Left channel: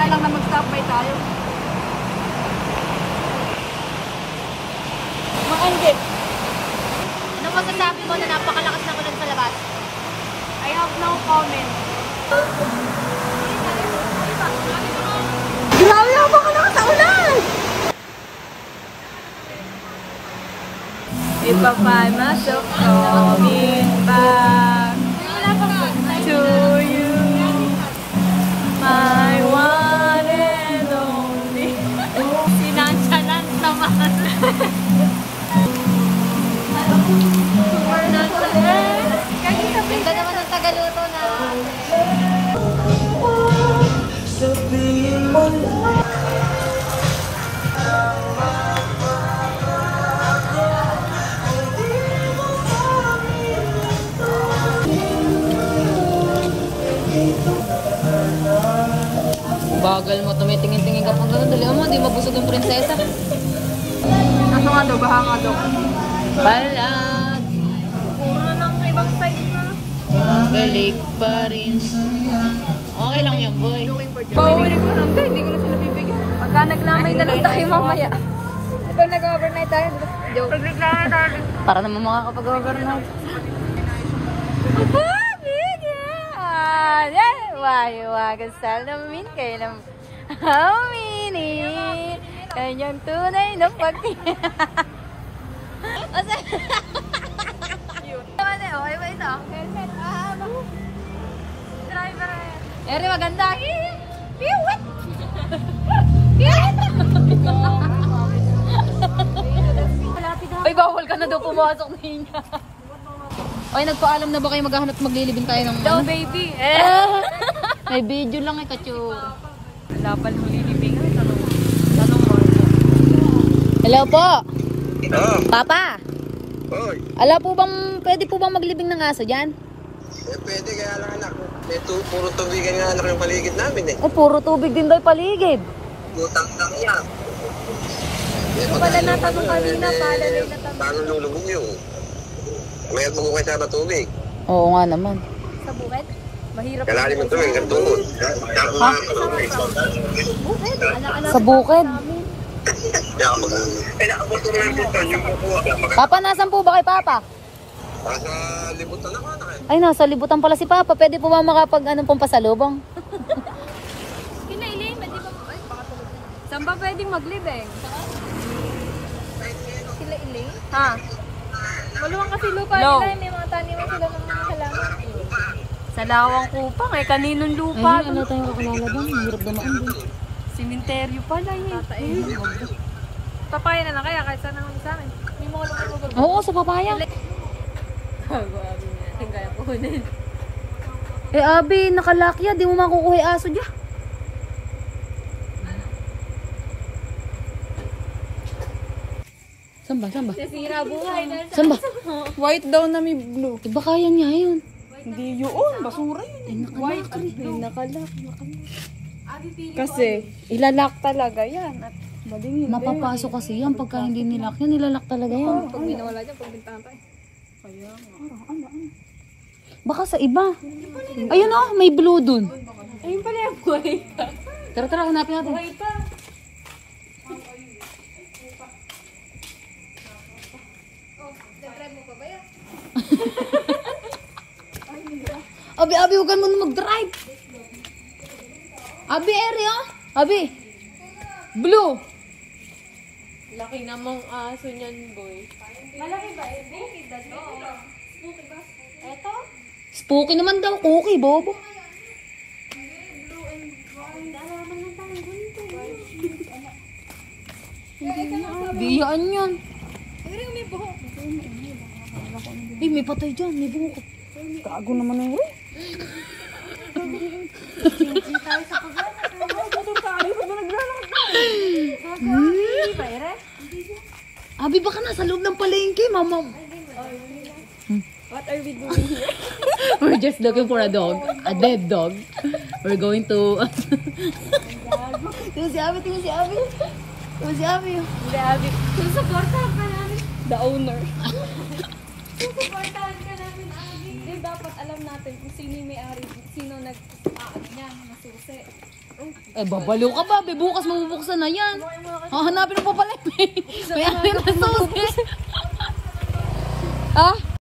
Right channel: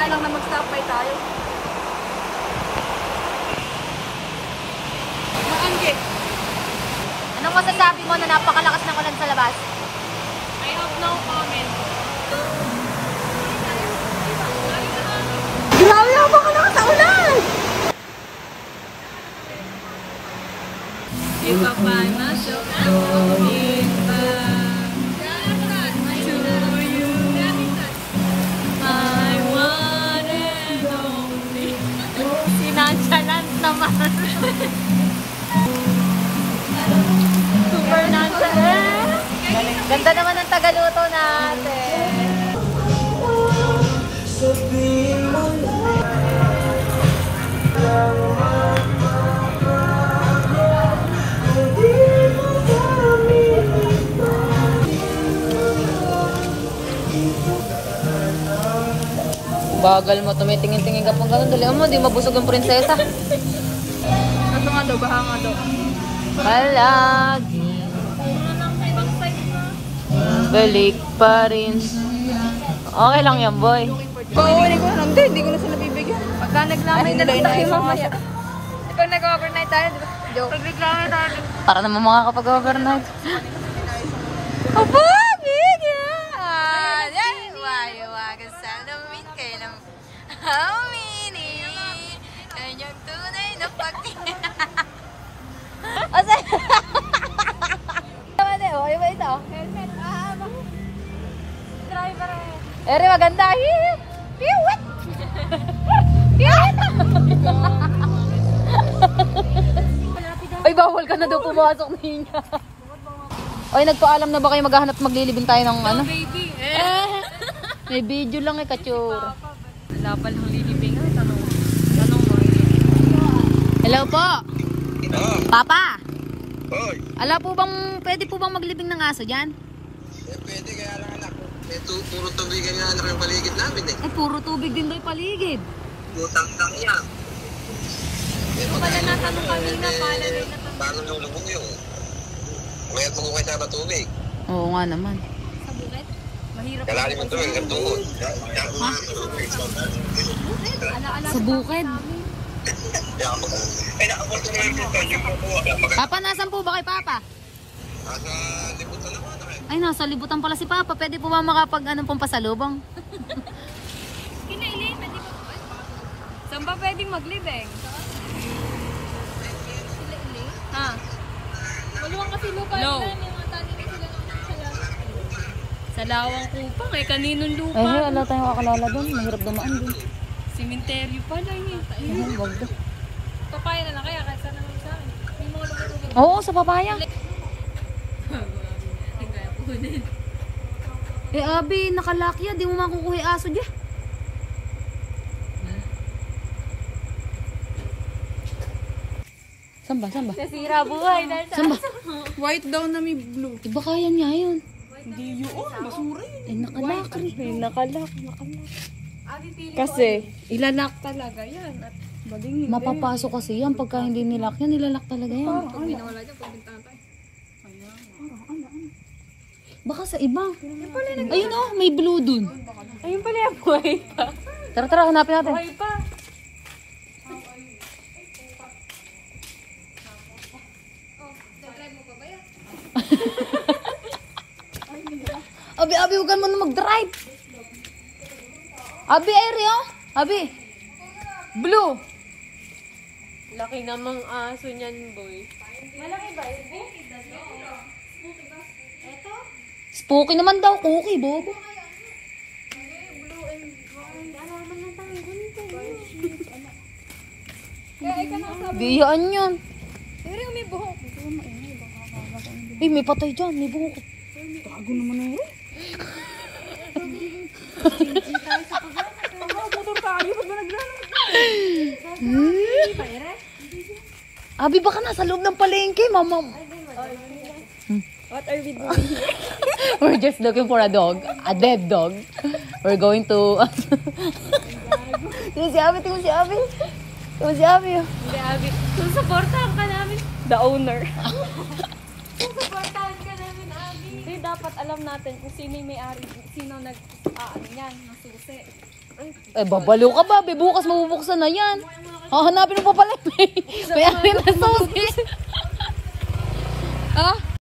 na lang na mag-stop by tayo. Maanggit. Ano masasabi mo na napakalakas na ulan sa labas? I have no comment. Grabe ako makalakas sa ulan! If I find myself coming back to you, my one and only. Sinansalant naman. Ganda naman ang tagaluto natin. Bagal mo, tumitingin-tingin ka pang gano'n. Dali mo, di mabusog ang prinsesa. Ano nga daw, baha nga daw. Palagi. Balik pa rin. Okay lang yan, boy. Pauwi ko lang din, hindi ko na sila bibigyan. Pagka naglamay na lang si mama siya. Pag nag-overnight tayo, di ba? Joke. Pag naglamay tayo. Para naman makakapag-overnight. Opo, bigyan! Wag sa lamin kayo ng aminin. Kanyang tunay na pagtingin. Asa? Iba ito. Ere, maganda. Piwit! Piwit! Ay, bawal ka na daw pumasok niya. Ay, nagpaalam na ba kayo maghahanap maglilibing tayo ng No, ano? baby. May video lang eh, katsura. Wala pa lang lilibing. Tanong mo. Hello po. Papa. Ala po bang, pwede po bang maglibing ng aso dyan? Pwede, kaya lang anak. Ito, puro tubigan nga anak yung paligid namin eh. Eh, puro tubig din daw yung paligid. Butang lang yan. Ito pala natanong kanina, pala na yung natanong. Paano lulubog yun? May magukay sa tubig. Oo nga naman. Sa bukid? Mahirap. Kailangan mo tubig, hanggang tuhod. Ha? Sa bukid? Papa, nasan po ba kay Papa? Nasa libutan naman anak eh. Ay, nasa libutan pala si Papa. Pwede po ba makapag anong pong pasalubong? Kinailing, pwede ba? Ay, baka tulog. Saan ba pwedeng maglibing? Ha? Maluwang kasi lupa nila, may mga taniman sila ng mga salangan. Sa lawang kupang eh, kaninong lupa? Ay, wala tayong kakalala doon. Mahirap dumaan din. Simenteryo pala yun. Papaya na lang kaya kahit saan naman sa akin. Hindi mo alam ako ba? Oo, sa papaya. Kaya kunin. Eh, Abi, nakalakya. Di mo makukuha yung aso dyan. Saan ba? Saan ba? Nasira buhay na. Saan ba? White daw na may blue. Iba kaya niya yun. Hindi yun, basura yun. Eh, nakalak. Nakalak. Kasi, ilalak talaga yan. At bading hindi. Mapapasok kasi yan. Pagka hindi nilak yan, nilalak talaga yan. Pag binawala dyan, pag bintahan tayo. Baka sa iba. Ayun oh, may blue dun. Ayun pala yung buhay pa. Tara, tara, hanapin natin. Buhay pa. Abi, huwag ka mo na mag-drive. Abi, Eri, oh. Abi. Blue. Laki namang aso niyan, boy. Malaki ba? Bukid na dito. Bukid ba? Eto? Spooky naman daw, cookie, bobo. Blue and brown. Alaman ng tanggol ito. Biyaan yun. Pero may buhok. Eh, may patay dyan, may buhok. Gago naman yun. Hindi tayo sa paglalak. Motor tayo pag naglalak. Hindi ba, Ere? Abi, baka nasa loob ng palengke, mama. What are we doing here? We're just looking for a dog. A dead dog. We're going to... Tingnan si Abi, tingnan si Abi. Tingnan si Abi. Hindi, Abby. Susuportahan ka namin. The owner. Susuportahan ka namin, Abby. Hindi, dapat alam natin kung sino yung may-ari. Sino nag-yan, masusi. Eh, babalo ka ba? Bukas mabubuksan na yan. Hahanapin mo pa pala. May atin na sauce. Ah?